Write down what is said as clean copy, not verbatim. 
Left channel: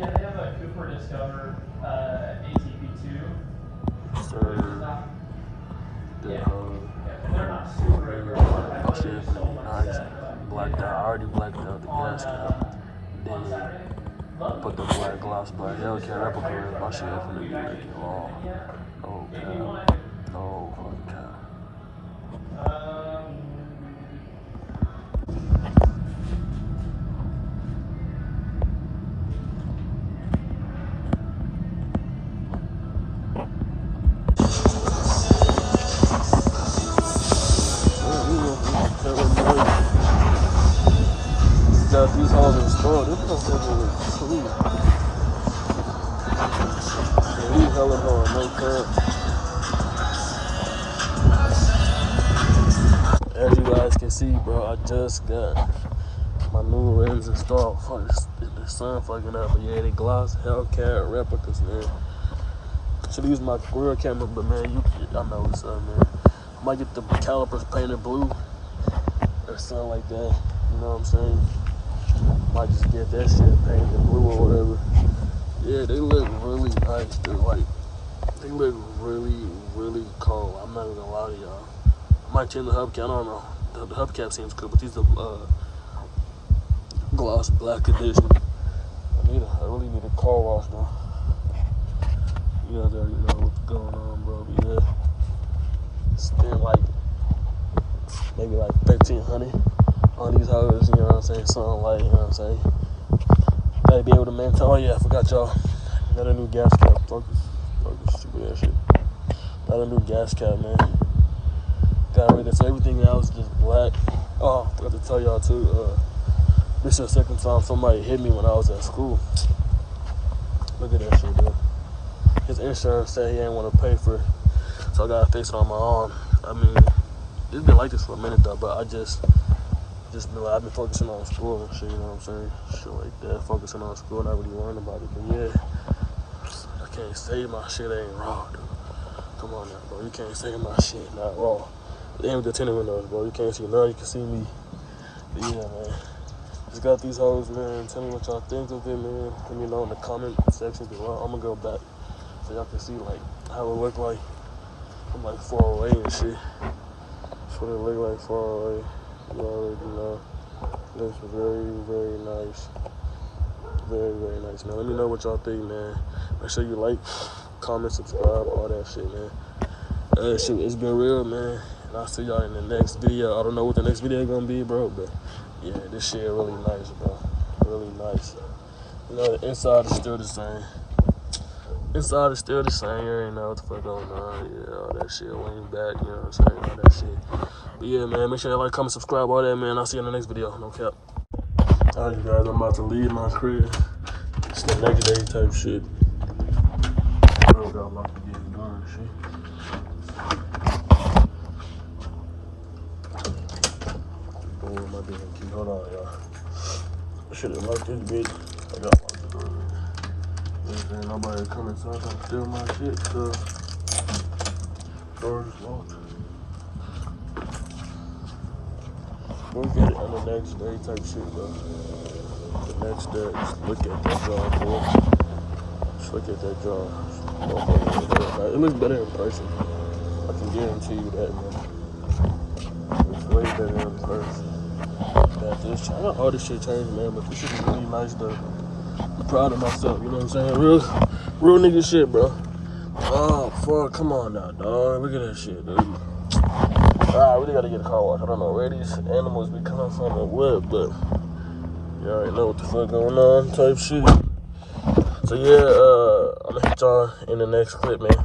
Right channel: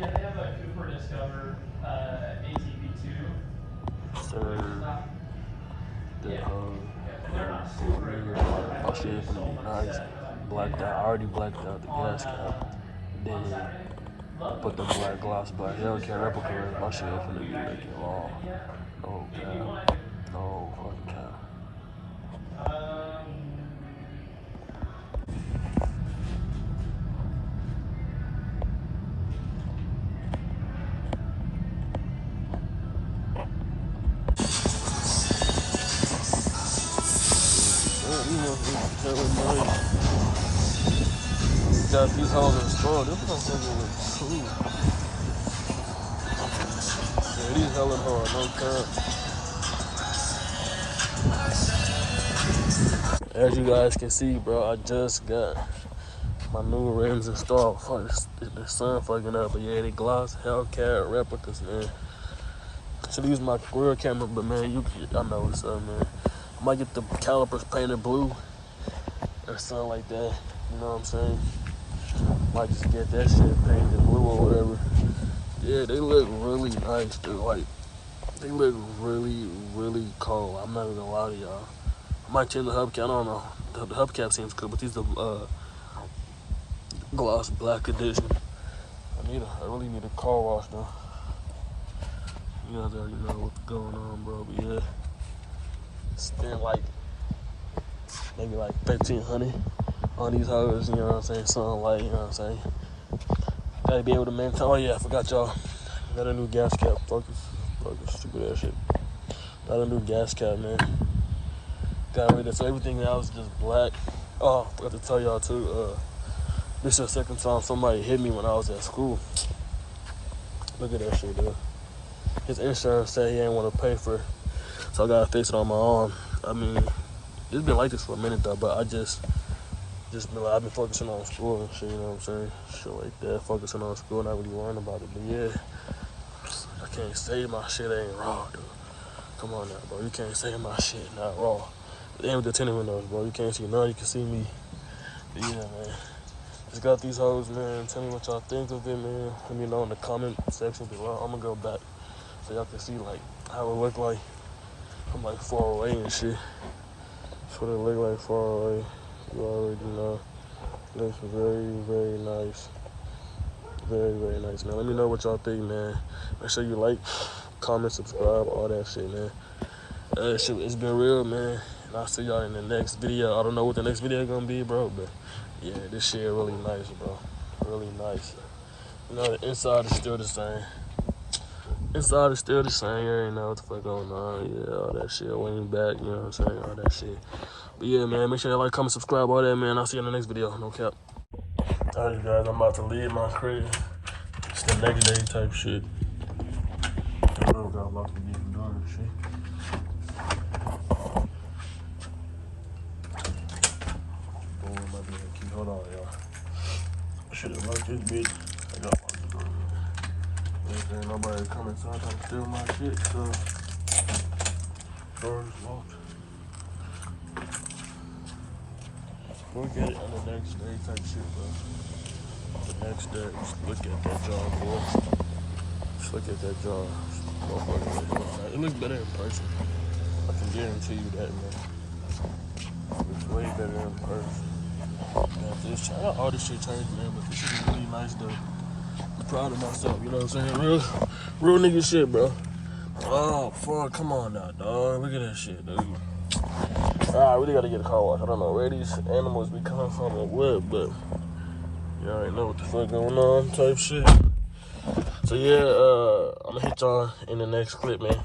Yeah, they have a Cooper Discover ATV2. So, They're not super aggressive. my shit finna be nice. Blacked out. I already blacked out the gas cap. Then put the black gloss, but Hellcat replica. My shit finna be looking raw. No cap. No fucking cap. Got these hoes in store. This motherfucker was cool. Yeah, he's hella hard, no cap. As you guys can see, bro, I just got my new rims installed. Fuck, the sun fucking up, but yeah, they gloss Hellcat replicas, man. So these my real camera, but man, I know what's up, man. I might get the calipers painted blue or something like that. You know what I'm saying? Might just get that shit painted blue or whatever. Yeah, they look really nice, dude. Like, they look really, really cold. I'm not even gonna lie to y'all. I might change the hubcap. I don't know. The hubcap seems cool, but these are gloss black edition. I really need a car wash though. You guys already know what's going on, bro. But yeah, spend like maybe like $1,300 on these hoes. You know what I'm saying? Something like, you know what I'm saying? Gotta be able to maintain. Oh yeah, I forgot y'all. Got a new gas cap. Focus, stupid ass shit. Got a new gas cap, man. Got rid of everything else, just black. Oh, I forgot to tell y'all too. This is the second time somebody hit me when I was at school. Look at that shit, dude. His insurance said he ain't want to pay for it, so I gotta fix it on my own. I mean, it's been like this for a minute though, but I've been focusing on school and shit, you know what I'm saying? Shit like that, focusing on school, not really worrying about it. But yeah, I can't say my shit ain't raw, dude. Come on now, bro. You can't say my shit not raw. It ain't with the tinted windows, bro. You can't see now, you can see me. But yeah, man. Just got these hoes, man. Tell me what y'all think of it, man. Let me know in the comment section below. I'm gonna go back so y'all can see like how it look like from like far away and shit. That's what it look like far away. You already know. Looks very, very nice. Very, very nice, man. Let me know what y'all think, man. Make sure you like, comment, subscribe, all that shit, man. It's been real, man. And I'll see y'all in the next video. I don't know what the next video gonna be, bro, but yeah, this shit really nice, bro. Really nice. You know, the inside is still the same. Inside is still the same. You already know what the fuck going on. Yeah, all that shit. Lean back, you know what I'm saying? All that shit. But yeah, man, make sure you like, comment, subscribe, all that, man. I'll see you in the next video. No cap. Alright, you guys, I'm about to leave my crib. It's the next day type shit. I got a lot to get done, shit. Oh, my damn key. Hold on, y'all. I should have locked this bitch. I got locked the door. Ain't nobody coming, so I'm trying to steal my shit, so door is locked. We'll get it on the next day type shit, bro. The next day, just look at that jar, boy. Just look at that jar. It looks better in person. I can guarantee you that, man. It's way better in person. Got this. I got all this shit changed, man, but this shit is really nice, though. I'm proud of myself, you know what I'm saying? Real nigga shit, bro. Oh, fuck. Come on now, dog. Look at that shit, dude. I really gotta get a car wash. I don't know where these animals be coming from or what, but you already know what the fuck going on type shit. So yeah, I'm gonna hit y'all in the next clip, man.